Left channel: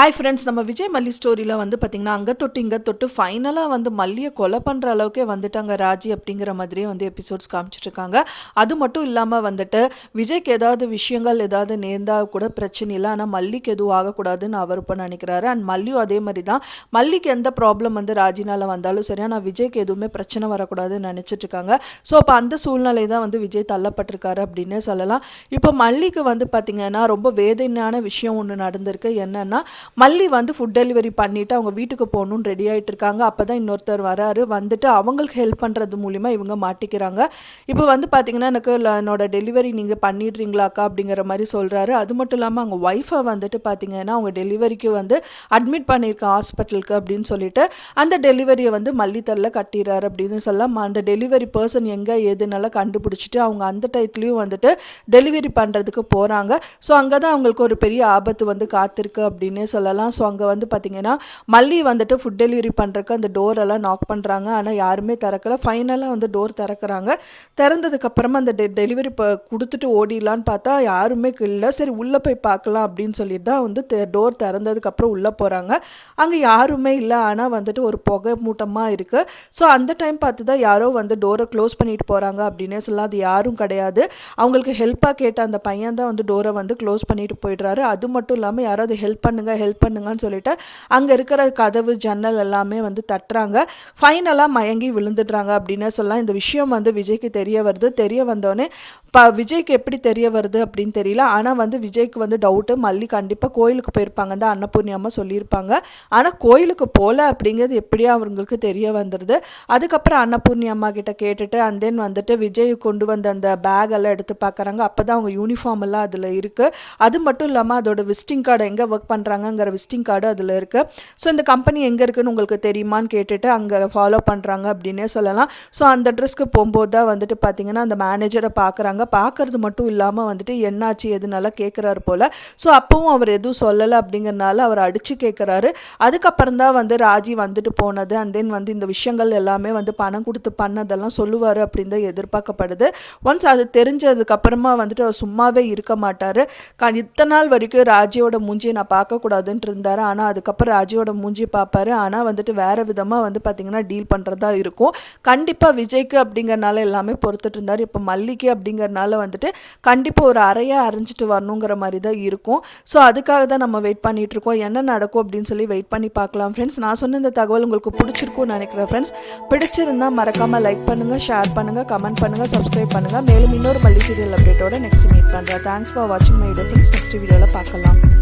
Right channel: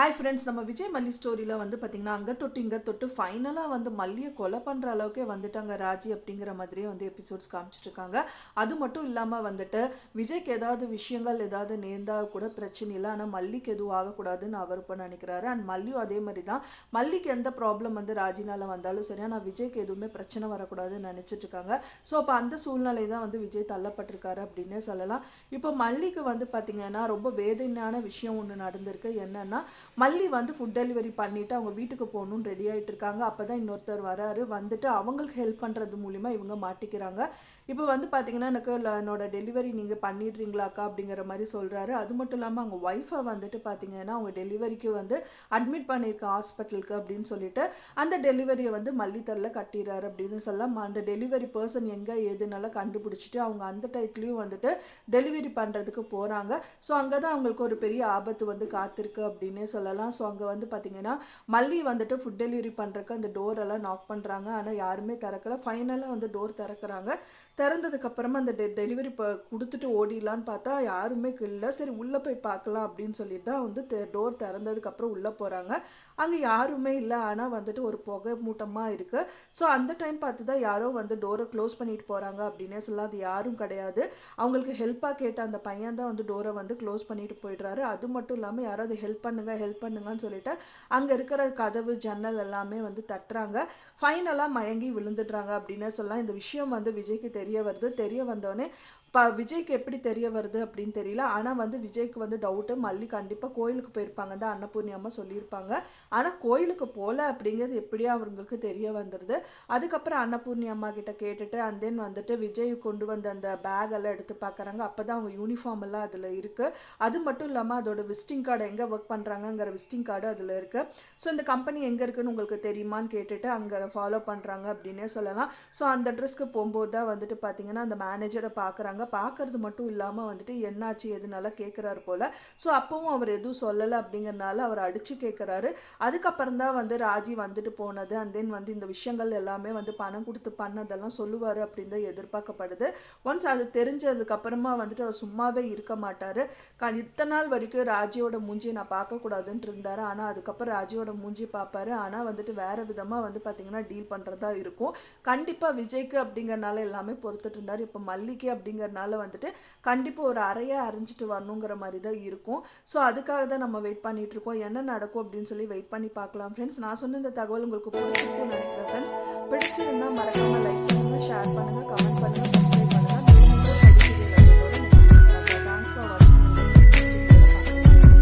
Hi friends, நம்ம விஜய் மல்லி ஸ்டோரியில் வந்து பார்த்திங்கன்னா அங்கே தொட்டு இங்கே தொட்டு ஃபைனலாக வந்து மல்லியை கொலை பண்ணுற அளவுக்கே வந்துட்டாங்க ராஜி அப்படிங்கிற மாதிரியே வந்து எபிசோட்ஸ் காமிச்சிட்ருக்காங்க. அது மட்டும் இல்லாமல் வந்துட்டு விஜய்க்கு ஏதாவது விஷயங்கள் ஏதாவது நேர்ந்தால் கூட பிரச்சனை இல்லை, ஆனால் மல்லிக்கு எதுவும் ஆகக்கூடாதுன்னு அவர் இப்போ நினைக்கிறாரு. அண்ட் மல்லியும் அதே மாதிரி தான். மல்லிக்கு எந்த ப்ராப்ளம் வந்து ராஜினால் வந்தாலும் சரி, ஆனால் விஜய்க்கு எதுவுமே பிரச்சனை வரக்கூடாதுன்னு நினச்சிட்ருக்காங்க. ஸோ அப்போ அந்த சூழ்நிலை தான் வந்து விஜய் தள்ளப்பட்டிருக்காரு அப்படின்னே சொல்லலாம். இப்போ மல்லிக்கு வந்து பார்த்திங்கன்னா ரொம்ப வேதனையான விஷயம் ஒன்று நடந்திருக்கு. என்னென்னா, மல்லி வந்து ஃபுட் டெலிவரி பண்ணிவிட்டு அவங்க வீட்டுக்கு போகணுன்னு ரெடி ஆகிட்டு இருக்காங்க. அப்போ தான் இன்னொருத்தர் வராரு. வந்துட்டு அவங்களுக்கு ஹெல்ப் பண்ணுறது மூலிமா இவங்க மாட்டிக்கிறாங்க. இப்போ வந்து பார்த்திங்கன்னா, எனக்கு என்னோட டெலிவரி நீங்கள் பண்ணிடுறீங்களாக்கா அப்படிங்கிற மாதிரி சொல்கிறாரு. அது மட்டும் இல்லாமல் அவங்க ஒய்ஃபை வந்துட்டு பார்த்திங்கன்னா அவங்க டெலிவரிக்கு வந்து அட்மிட் பண்ணியிருக்க ஹாஸ்பிட்டலுக்கு அப்படின்னு சொல்லிட்டு அந்த டெலிவரியை வந்து மல்லித்தரில் கட்டிடுறாரு அப்படின்னு சொல்லலாம். அந்த டெலிவரி பர்சன் எங்கே ஏதுனால கண்டுபிடிச்சிட்டு அவங்க அந்த டயத்துலேயும் வந்துட்டு டெலிவரி பண்ணுறதுக்கு போகிறாங்க. ஸோ அங்கே தான் அவங்களுக்கு ஒரு பெரிய ஆபத்து வந்து காத்திருக்கு அப்படின்னே சொல்லலாம். ஸோ அங்கே வந்து பார்த்திங்கன்னா மல்லி வந்துட்டு ஃபுட் டெலிவரி பண்ணுறக்கு அந்த டோரெல்லாம் நாக் பண்ணுறாங்க. ஆனால் யாருமே திறக்கலை. ஃபைனலாக வந்து டோர் திறக்கிறாங்க. திறந்ததுக்கப்புறமா அந்த டெலிவரி கொடுத்துட்டு ஓடிடலான்னு பார்த்தா யாருமே இல்லை. சரி உள்ளே போய் பார்க்கலாம் அப்படின்னு சொல்லிட்டு தான் வந்து டோர் திறந்ததுக்கப்புறம் உள்ளே போகிறாங்க. அங்கே யாருமே இல்லை. ஆனால் வந்துட்டு ஒரு புகை மூட்டமாக இருக்குது. ஸோ அந்த டைம் பார்த்து தான் யாரோ வந்து டோரை க்ளோஸ் பண்ணிட்டு போகிறாங்க அப்படின்னே சொல்லலாம். அது யாரும் கிடையாது. அவங்களுக்கு ஹெல்ப்பாக கேட்ட அந்த பையன் தான் வந்து டோரை வந்து க்ளோஸ் பண்ணிட்டு போயிடுறாரு. அது மட்டும் இல்லாமல் யாராவது ஹெல்ப் பண்ணுங்கன்னு சொல்லிட்டு அங்கே இருக்கிற கதவு ஜன்னல் எல்லாமே வந்து தட்டுறாங்க. ஃபைனலாக மயங்கி விழுந்துடுறாங்க அப்படின்னு சொல்லலாம். இந்த விஷயம் வந்து விஜய்க்கு தெரிய வருது. தெரிய வந்தோடனே விஜய்க்கு எப்படி தெரிய வருது அப்படின்னு தெரியல. ஆனால் வந்து விஜய்க்கு வந்து டவுட்டு, மல்லி கண்டிப்பாக கோயிலுக்கு போயிருப்பாங்க தான் அன்னபூர்ணி அம்மா சொல்லியிருப்பாங்க. ஆனால் கோயிலுக்கு போகல அப்படிங்கிறது எப்படியா அவங்களுக்கு தெரிய வந்துடுது. அதுக்கப்புறம் அன்னபூர்ணி அம்மா கிட்ட கேட்டுட்டு அண்ட் தென் வந்துட்டு விஜய் கொண்டு வந்த அந்த பேக் எல்லாம் எடுத்து பார்க்குறாங்க. அப்போ தான் அவங்க யூனிஃபார்ம் எல்லாம் அதில் இருக்குது. அது மட்டும் இல்லாமல் அதோட விசிட்டிங் கார்டு எங்கே ஒர்க் பண்ணுறாங்கங்கிற விசிட்டிங் கார்டு அதில் இருக்குது. ஸோ இந்த கம்பெனி எங்கே இருக்குன்னு உங்களுக்கு தெரியுமான்னு கேட்டுட்டு அங்கே ஃபாலோ பண்ணுறாங்க அப்படின்னே சொல்லலாம். ஸோ அந்த அட்ரஸ்க்கு போகும்போது தான் வந்துட்டு பார்த்திங்கன்னா அந்த மேனேஜரை பார்க்குறாங்க. பார்க்குறது மட்டும் இல்லாமல் வந்துட்டு என்னாச்சு எதுனால கேட்குறாரு போல். ஸோ அப்பவும் அவர் எதுவும் சொல்லலை அப்படிங்கிறனால அவர் அடித்து கேட்குறாரு. அதுக்கப்புறம் தான் வந்து ராஜி வந்துட்டு போனது அண்ட் தென் வந்து இந்த விஷயங்கள் எல்லாமே வந்து பணம் கொடுத்து பண்ணதெல்லாம் சொல்லுவார் அப்படின்னு தான் எதிர்பார்க்கப்படுது. ஒன்ஸ் அது தெரிஞ்சதுக்கப்புறமா வந்துட்டு அவர் சும்மாவே இருக்க மாட்டார். இத்தனை நாள் வரைக்கும் ராஜியோட மூஞ்சியை நான் பார்க்கக்கூடாதுன்ட்டு இருந்தார். ஆனால் அதுக்கப்புறம் ராஜியோட மூஞ்சி பார்ப்பாரு. ஆனால் வந்துட்டு வேறு விதமாக வந்து பார்த்திங்கன்னா டீல் பண்ணுறதா இருக்கும். கண்டிப்பாக விஜய்க்கு அப்படிங்கிறனால எல்லாமே பொறுத்துட்டு இருந்தார். இப்போ மல்லிக்கு அப்படிங்கிறனால வந்துட்டு கண்டிப்பாக ஒரு அறையாக அரைஞ்சிட்டு வரணுங்கிற மாதிரி தான் இருக்கும். ஸோ அதுக்காக தான் நம்ம வெயிட் பண்ணிகிட்ருக்கோம். என்ன நடக்கும் அப்படின்னு சொல்லி வெயிட் பண்ணி பார்க்கலாம் ஃப்ரெண்ட்ஸ். நான் சொன்ன இந்த தகவல் உங்களுக்கு பிடிச்சிருக்கும்னு நினைக்கிறேன் ஃப்ரெண்ட்ஸ். பிடிச்சிருந்தால் மறக்காமல் லைக் பண்ணுங்கள், ஷேர் பண்ணுங்கள், கமெண்ட் பண்ணுங்கள், சப்ஸ்கிரைப் பண்ணுங்கள். மேலும் இன்னொரு மல்லி சீரியல் அப்டேட்டோட நெக்ஸ்ட் மீட் பண்ணுறேன். தேங்க்ஸ் ஃபார் வாட்சிங் மை வீடியோ ஃப்ரெண்ட்ஸ். நெக்ஸ்ட் வீடியோவில் பார்க்கலாம்.